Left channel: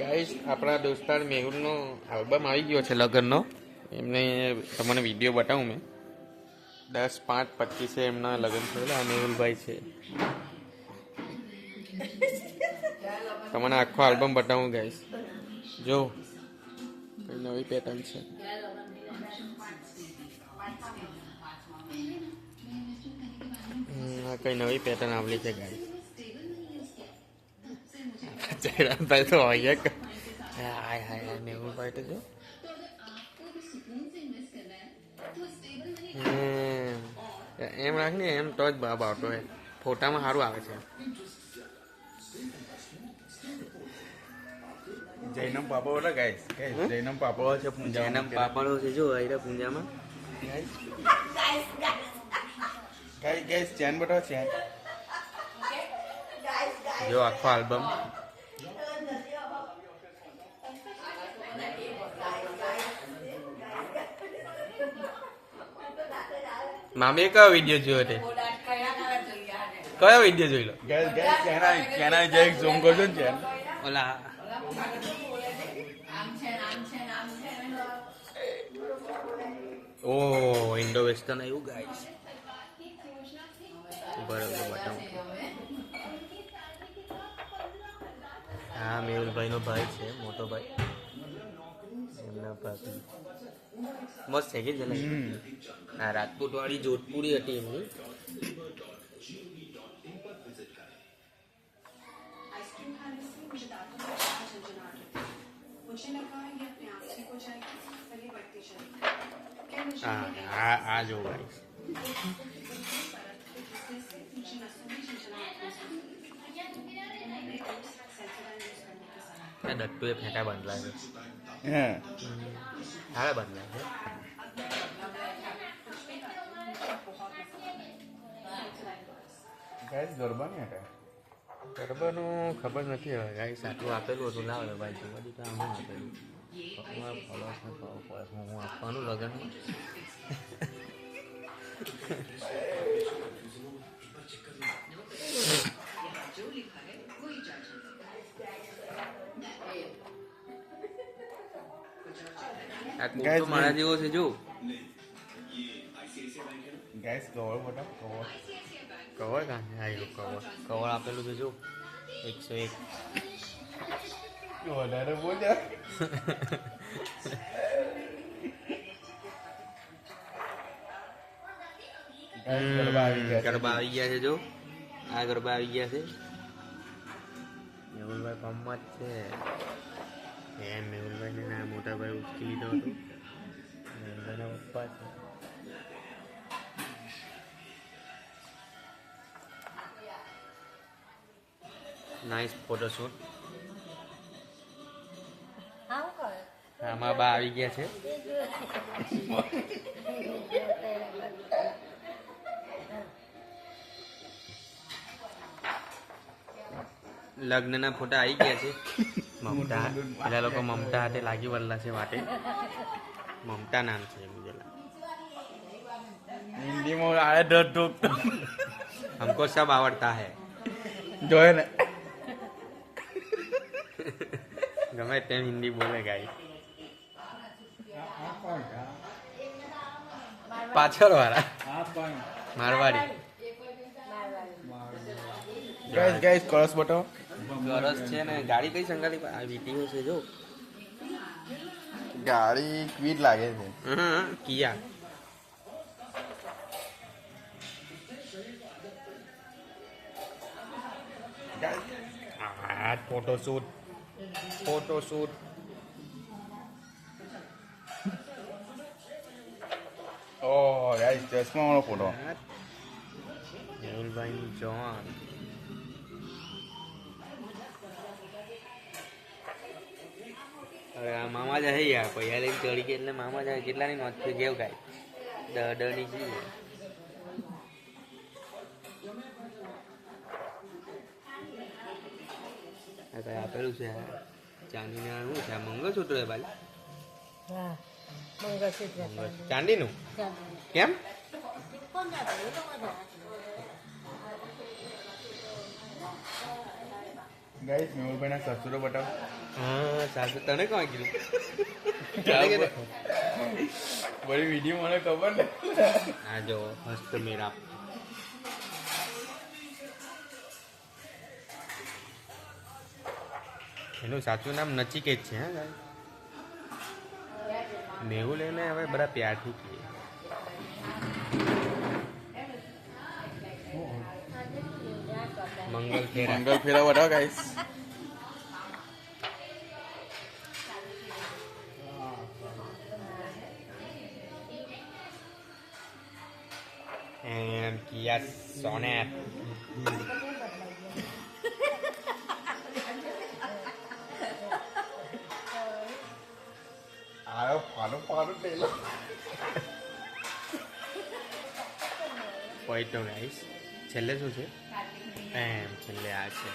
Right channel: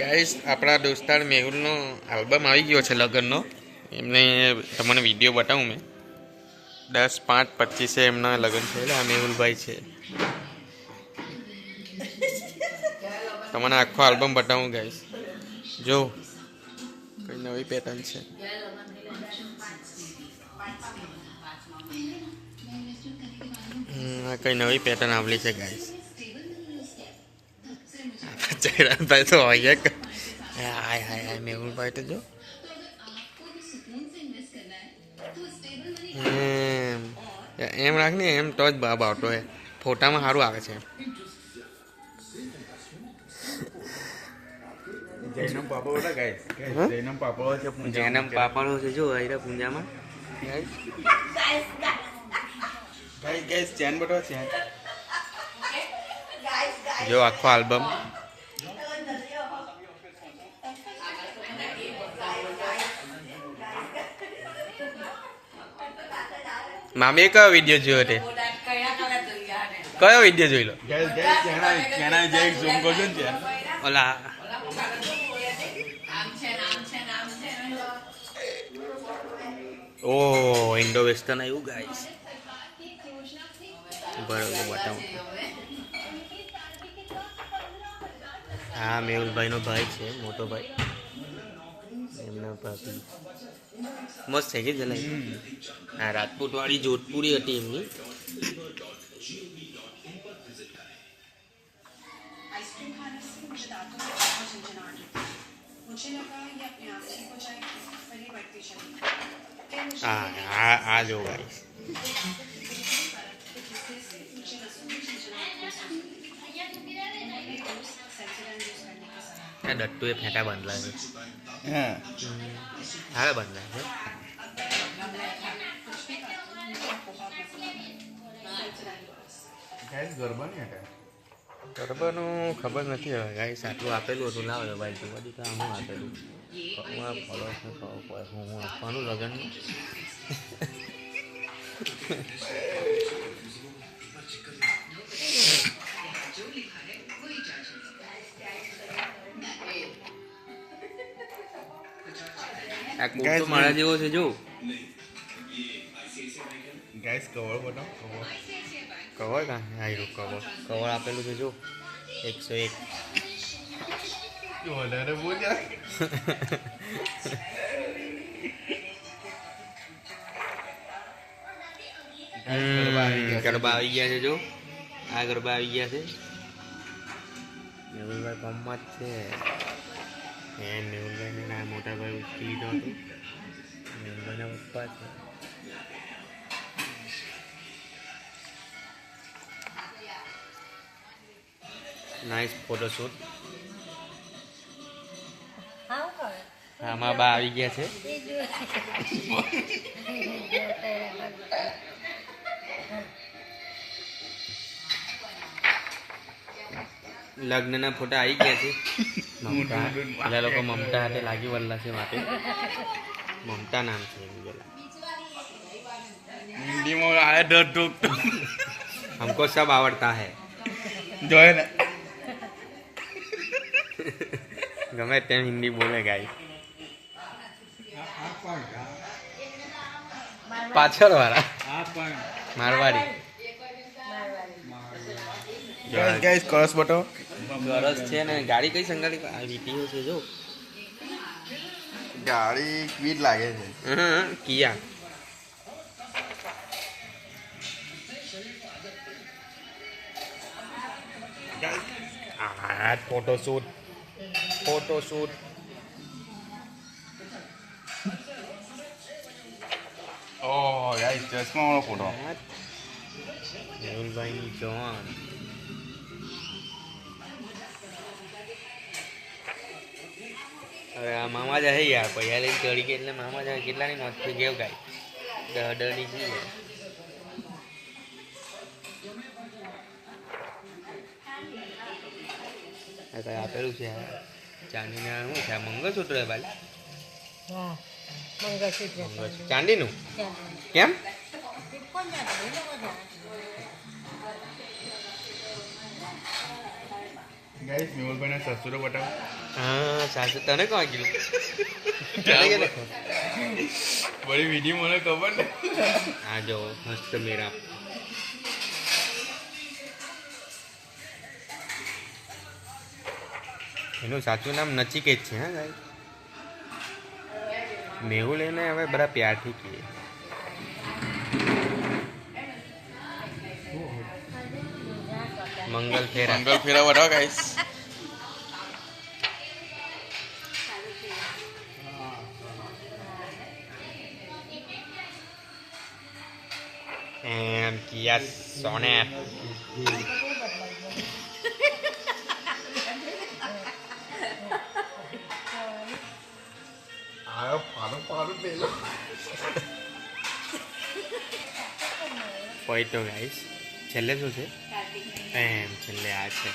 Guys આપણા દોસ્તાર મેહુલનો album આવી ગયો છે લગ્નનો. એમને તમને વિડીયો બતાવું મેં. 10/5/25 એમના લગ્ન થયેલા. આ મેહુલભાઈ છે. તમને આખો આલ્બમ બતાવું ગાઈસ. જો કઈ નવી પેટર્ન છે. આ કઈ નવી પેટર્ન આવલી છે ગાઈસ. ચહેરાભાઈ તો હોય હાય હાય મેહુલભાઈ તો જો એમ રાખ ને એમ તો જ બાપ આવતો હોય. ફોટામાં સારું આવે છે. જૈનમ પાપડો ગાઈસ જૈનમ પાપડો છે. જૈનમ પાપડો છે જો આઈરા પૂંજામાં. ગાઈસ ચેન બટો ચેન જો આખો આલ્બમ. મામી કયો વિડીયો જોયો તે? કયો વિડીયો જોઈ લો? ગાઈસ ચેના જે ઝૂમ કરજો ને ચેન ઓલા ઓ ઇન્ડો વેસ્ટર્ન આવ્યું ગાઈસ. બરોબર બતાવું. હા મેહુલભાઈનો ભાઈ છે, મોટો ભાઈ. એમના ભાભી મસ્ત છે કે જલાઈ. હા રાજપૂત વાળી જોધપુરી હતી એમની. આ જો ગાઈસ. દટ્ટુ એ ફેંટા બાંધલા છે. હા બાંધલા છે. ગાઈસ ગરબા નહીં હતા. ગરબાનું ખબર નથી હવે ગાઈસ. આટલું આપેલું હતું લાવે ભાઈ જોવા દીધા. હું આપેલું ફોલો હું આપવાનું લગ્નમાં. આ કોટો મારા જેવો છે જો. ગાઈસ કવર બતાવો કવર. કવર કાં આવ્યું? કવર આપેલું છે જો 101. વધારે બોલ્યા. ગરબા આવી ગયા છે જો. આ ગરબા આવી ગયા છે. મેહુલભાઈ પંપમાં જ છે. મેહુલભાઈને ના મોટા ભાઈ ઉઠી લીધો હતો. મેહુલભાઈના પપ્પા છે. Nice photoshoot. આમાં બા આવી ગયા છે. લગ્નના ફોટા આવી ગયા છે. મમતા પેલા લોકો મમતા હાથે લાગી વળલા છે માટે. મમતા નામ છે એમ પેલા. હિન્દીમાં આયા ડર ઢોક हमको सब आवड़ता है. જોયે ને ગમે તેમ હિન્દી બોલે ગાઈ. પાછળ વાળા મારવાડી. ગાઈસ કરસ બતાવો. સરસ છે ને. ગાડી કઈ સંગાડી વીટીઓ છે જો. ગાડી ક્વીટ લાગે છે. કિયા. આ ફોટોશૂટ. ઓ ગાઈસ ચશ્માનો ફોટો. મેહુલભાઈની જવાન. હવે આ મામા જાય યાર. પૈસા લઈને ચડી ગયા એટલે મામા જાય. કેટલાની નોટ થઈ ગયો ગાય? 10 છે. આ કઈ આપેલું છે ચાંદીના. શું છે આ? મંગળસૂત્ર ભાઈ. ચાંદીનું કેમ? ગાઈસ મેહુલભાઈના સસુરો બતાવો. હા સાસુ તને કોણ કીધું તને કે નહીં? બધી વિડીયો મને ખબર ને. આ જો મસ્ત મેરા એનું સાચું નામ નચિકેત છે હા ગાઈ. મેહુલ એને હવે બધા પ્યારથી કહીએ. મંગલ ફેરા મંગલ ફેરા બતાવો ગાઈસ. and Kia Sonet. આયો પાડો પેલો. પોઈન્ટ ગાઈસ છેલ્લે શું છે? એમ છેલ્લે આ છે